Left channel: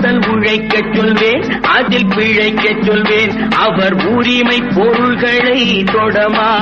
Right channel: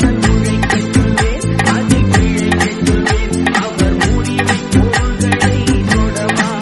உடல் உழைக்க சொல்வேன் அதில் பிழைக்க சொல்வேன். அவர் உரிமை பொருள்களை தொடவா